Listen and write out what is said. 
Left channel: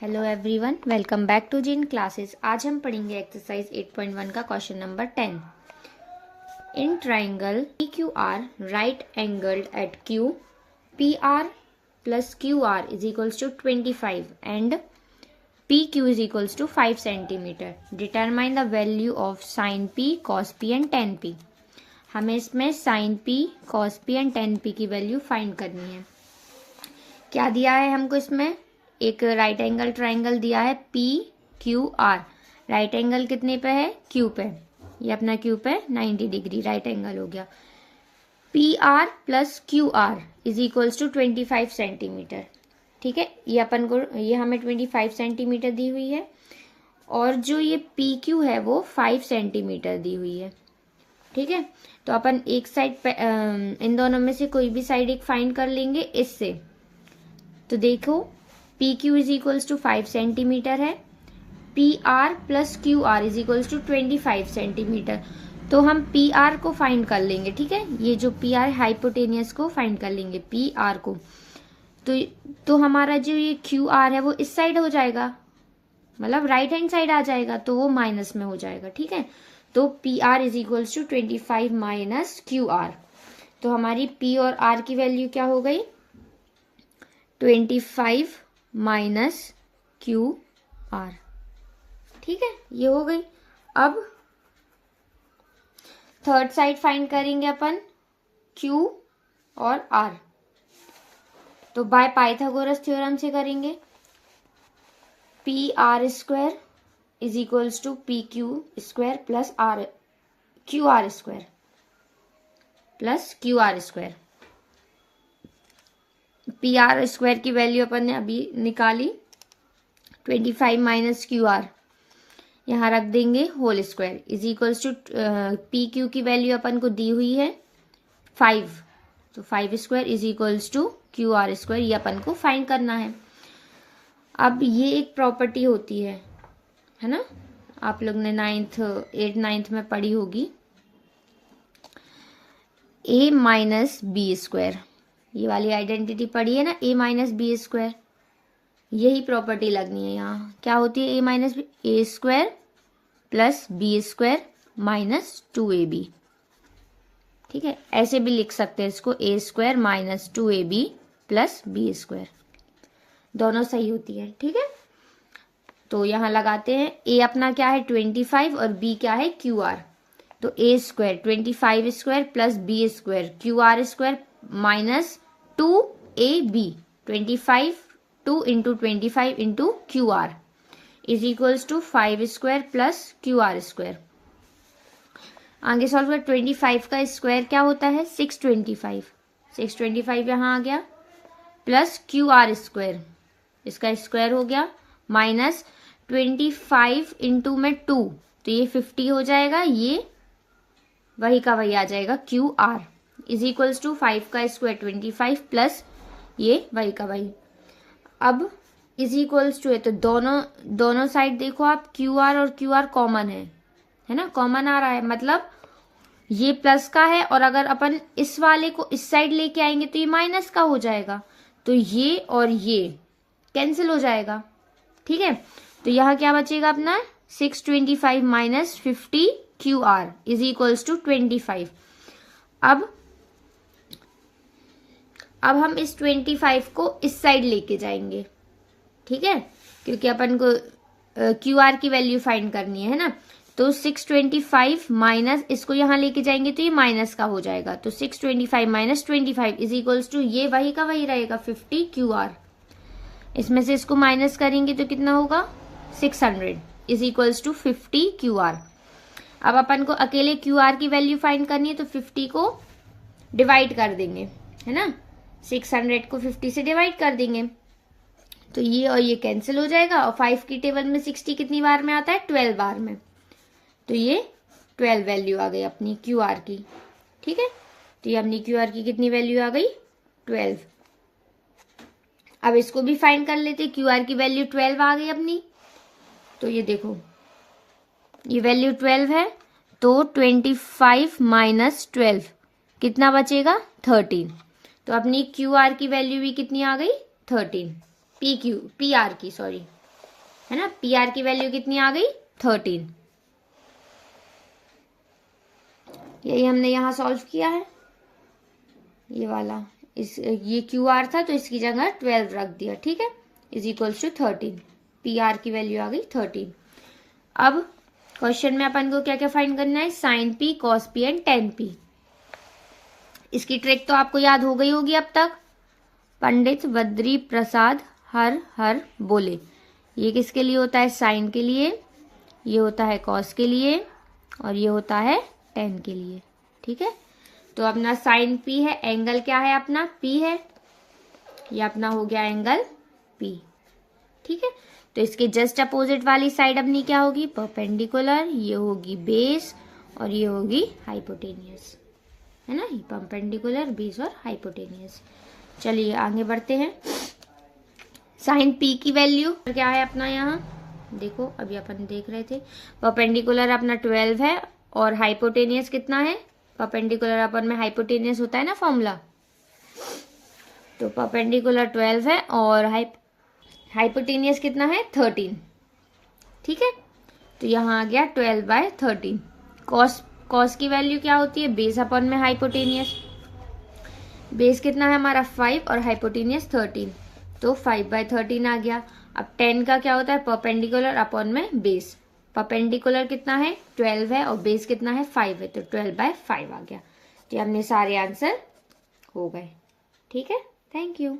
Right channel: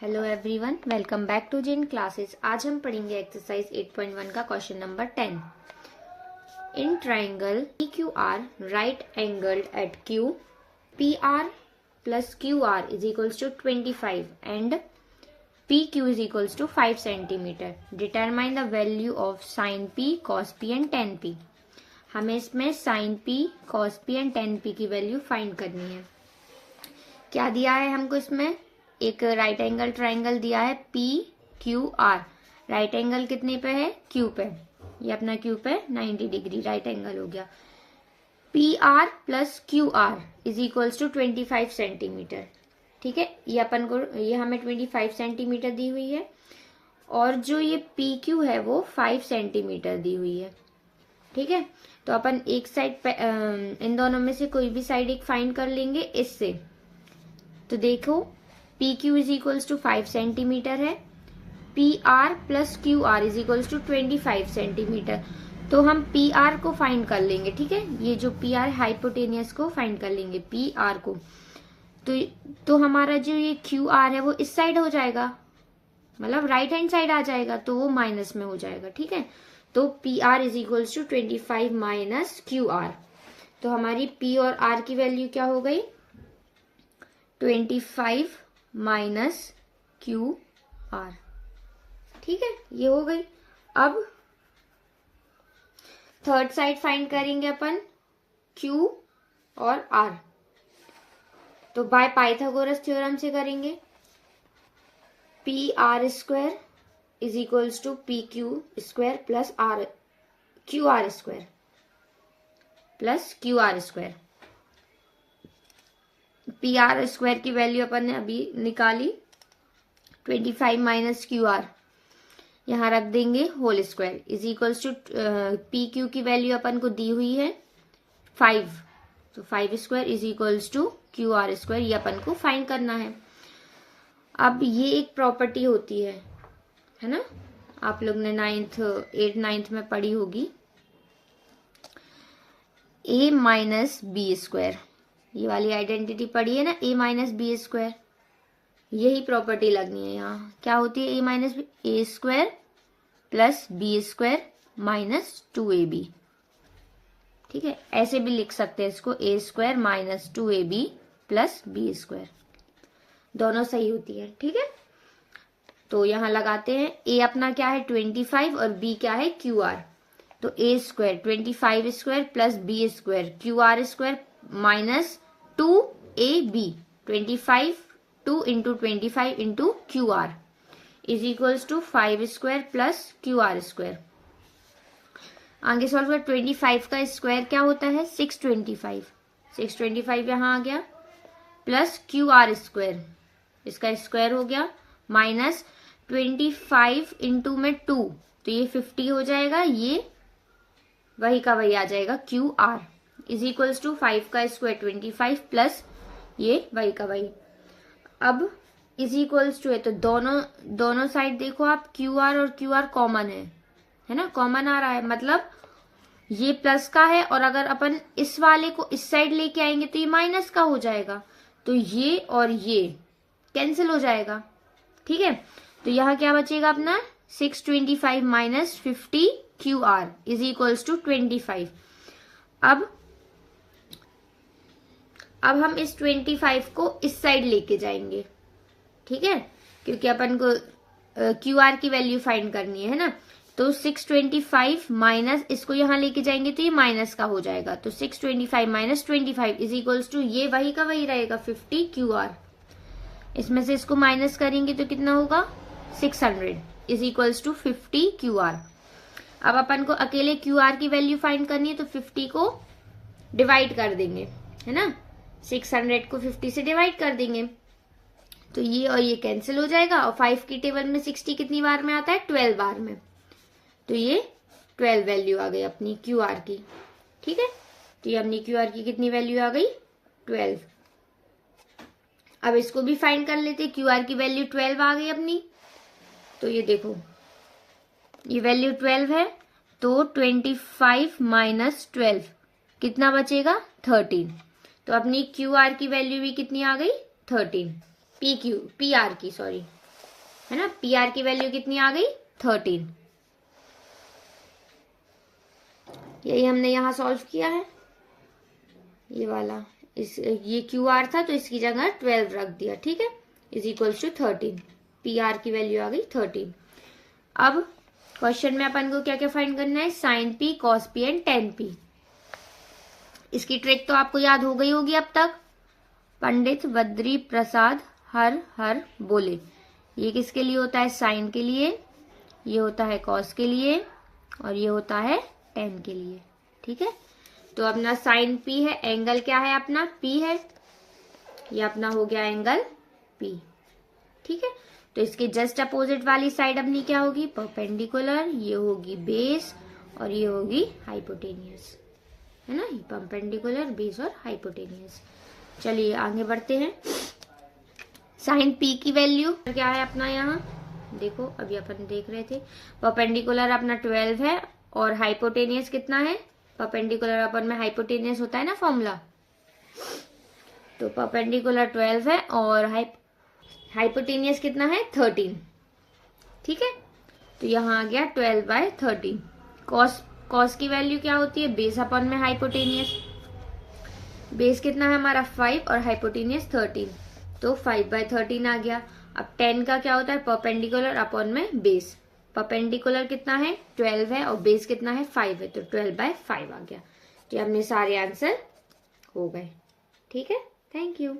Hello everyone, welcome back to जिन classes. आज हम पढ़ेंगे एक्सरसाइज 8.1 का question number 10। In triangle PQR right angled at Q, PR plus QR is equals to 25 and PQ is equals to 5 centimetre. Determine the value of sine P, cos P and tan P। हमें इसमें sine P, cos P and tan P की वैल्यू find करनी है। क्या दिया है हमको इसमें? एक राइट एंगल ट्राइंगल दिया है PQR। राइट एंगल कितने पे है? Q पे। ये अपना Q पे 90 डिग्री राइट एंगल हो गया। PR plus QR is equals to 25 centimetre. ठीक है, ये अपन को ये हमें 25 सेंटीमीटर दी हुई है और जो ये PQ है वो 5 सेंटीमीटर दी हुई है। ठीक है, तो अपन एक साइड पे इन दोनों में से कोई भी साइड एक फाइंड कर लेंगे इससे। तो देखो PQ is equals to 5 centimetre है, PR plus QR is equals to 25 centimetre. तो हम PR को फाइंड कर लेंगे। ठीक है, ये जो PR हाइपोटेनियस को फाइंड कर लेंगे, PR को। तो हमारा जो ये QR है वो इस साइड हो जाएगा, मतलब राइट हैंड साइड आ जाएगा, तो वो माइनस में हो जाएगा। ठीक है, तो PR is equals to 25 minus QR। तो हमारी P और R की वैल्यू क्या हो गई? 25 माइनस QR। ठीक है, ये हो गई। अब थर्ड साइड फाइंड करेंगे अपन Q और R। तो बाय पाइथागोरस थ्योरम से करेंगे। PR square is equals to PQ square plus QR square plus QR square. PR square की वैल्यू अपन ने अभी निकाली, 25 माइनस QR यहाँ रख देंगे whole square is equals to PQ की वैल्यू अपन को दी हुई है 5, तो 5 square is equals to QR square. ये अपन को फाइंड करना है। अब ये एक प्रॉपर्टी होती है ना, आप लोग ने 8th 9th में पढ़ी होगी, A माइनस बी स्क्वायर। ये वाली आइडेंटिटी पढ़ी है ना, A माइनस बी स्क्वायर। यही प्रॉपर्टी लगनी है यहाँ। क्या होती है? A minus A square plus B square minus 2AB। ठीक है, ऐसे भी लिख सकते हैं इसको, A square minus 2AB plus B square. दोनों सही होती है। ठीक है, तो यहाँ लगाते हैं। A अपना क्या है? 25 और B क्या है? QR। तो A square 25 square plus B square QR square minus 2AB। 25 2 into 25 into QR is equals to 5 square plus QR square. आगे सॉल्व कर। 25 का स्क्वायर क्या होता है? 625। 625 यहाँ आ गया प्लस QR स्क्वायर, इसका स्क्वायर हो गया माइनस 25 इंटू में 2, तो ये 50 हो जाएगा। ये वही का वही आ जाएगा QR इज इक्वल्स टू 5 का स्क्वायर 25 प्लस ये वही का वही। अब इज इक्वल्स टू है, तो दोनों साइड देखो आप, QR और QR कॉमन है ना, कॉमन आ रहा है, मतलब ये प्लस का है और अगर अपन इस वाले को इस साइड लेके आएंगे तो ये माइनस का हो जाएगा, तो ये और ये कैंसिल हो जाएगा। ठीक है, तो यहाँ क्या बचेगा अपना? 625 minus 50 QR is equals to 25। अब हम इस 25 को इस साइड लेके जाएंगे। ठीक है, क्योंकि अपन को QR की वैल्यू फाइंड करनी है ना, तो 625 माइनस इसको यहाँ लेके जाएंगे तो ये माइनस का हो जाएगा, तो 625 माइनस 25 इज इक्वल्स टू ये वही का वही रहेगा 50 QR। इसमें से इसको माइनस करेंगे तो कितना होगा? 600 इज इक्वल्स टू 50 QR। अब अपन को अकेले QR की वैल्यू फाइंड करनी है, तो 50 को डिवाइड कर देंगे, है ना, 600 को 50 से डिवाइड कर देंगे, तो ये और ये कैंसिल हो जाएगा। और 5 की टेबल में 60 कितनी बार में आता है? 12 बार में, तो ये 12 वैल्यू आ गई अपनी QR की। ठीक है, तो ये अपनी QR की कितनी वैल्यू आ गई? 12। अब इसको भी फाइंड कर लेते। QR की वैल्यू 12 आ गई अपनी, तो ये देखो ये वैल्यू 12 है, तो 25 माइनस 12 कितना बचेगा? 13। तो अपनी QR की वैल्यू भी कितनी आ गई? 13। PR की, सॉरी, है ना। पी आर की वैल्यू कितनी आ गई 13। यही हमने यहाँ सॉल्व किया है, ये वाला। ये क्यू आर था तो इसकी जगह 12 रख दिया, ठीक है, is equals to 13। P R की वैल्यू आ गई 13। अब क्वेश्चन में अपन को क्या क्या फाइंड करना है, sine P, cos P and tan P. इसकी ट्रिक तो आपको याद हो गई होगी अब तक। पंडित बद्री प्रसाद हर हर बोले, ये किसके लिए होता है, साइन के लिए, ये होता है कॉस के लिए, और ये होता है टेन के लिए, ठीक है। तो अपना साइन पी है, एंगल क्या है अपना, पी है, ये अपना हो गया एंगल पी, ठीक है। तो इसके जस्ट अपोजिट वाली साइड अपनी क्या होगी, परपेंडिकुलर, ये होगी बेस और ये होगी हाइपोटेनियस, है ना, परपेंडिकुलर, बेस और हाइपोटेनियस। चलिए आगे बढ़ते हैं। साइन पी की वैल्यू क्या है अपना, यहाँ देखो अभी अपन देख रहे थे, परपेंडिकुलर अपना 12 है और हाइपोटेनियस कितना है, परपेंडिकुलर अपन में हाइपोटेनियस होता है ना फॉर्मूला, तो परपेंडिकुलर 12 है और हाइपोटेनियस कितना है 13, ठीक है। तो यहाँ आ गया 12/13। कॉस की वैल्यू क्या होती है, बेस अपन में हाइपोटेनियस, बेस कितना है हमारा 5 और हाइपोटेनियस 13, तो 5/13 आ गया। अब 10 का क्या होता है, परपेंडिकुलर अपॉन में बेस, परपेंडिकुलर कितना है 12 है और बेस कितना है 5 है, तो 12/5 आ गया। तो हमने सारे आंसर हो गए, ठीक है। Thank you.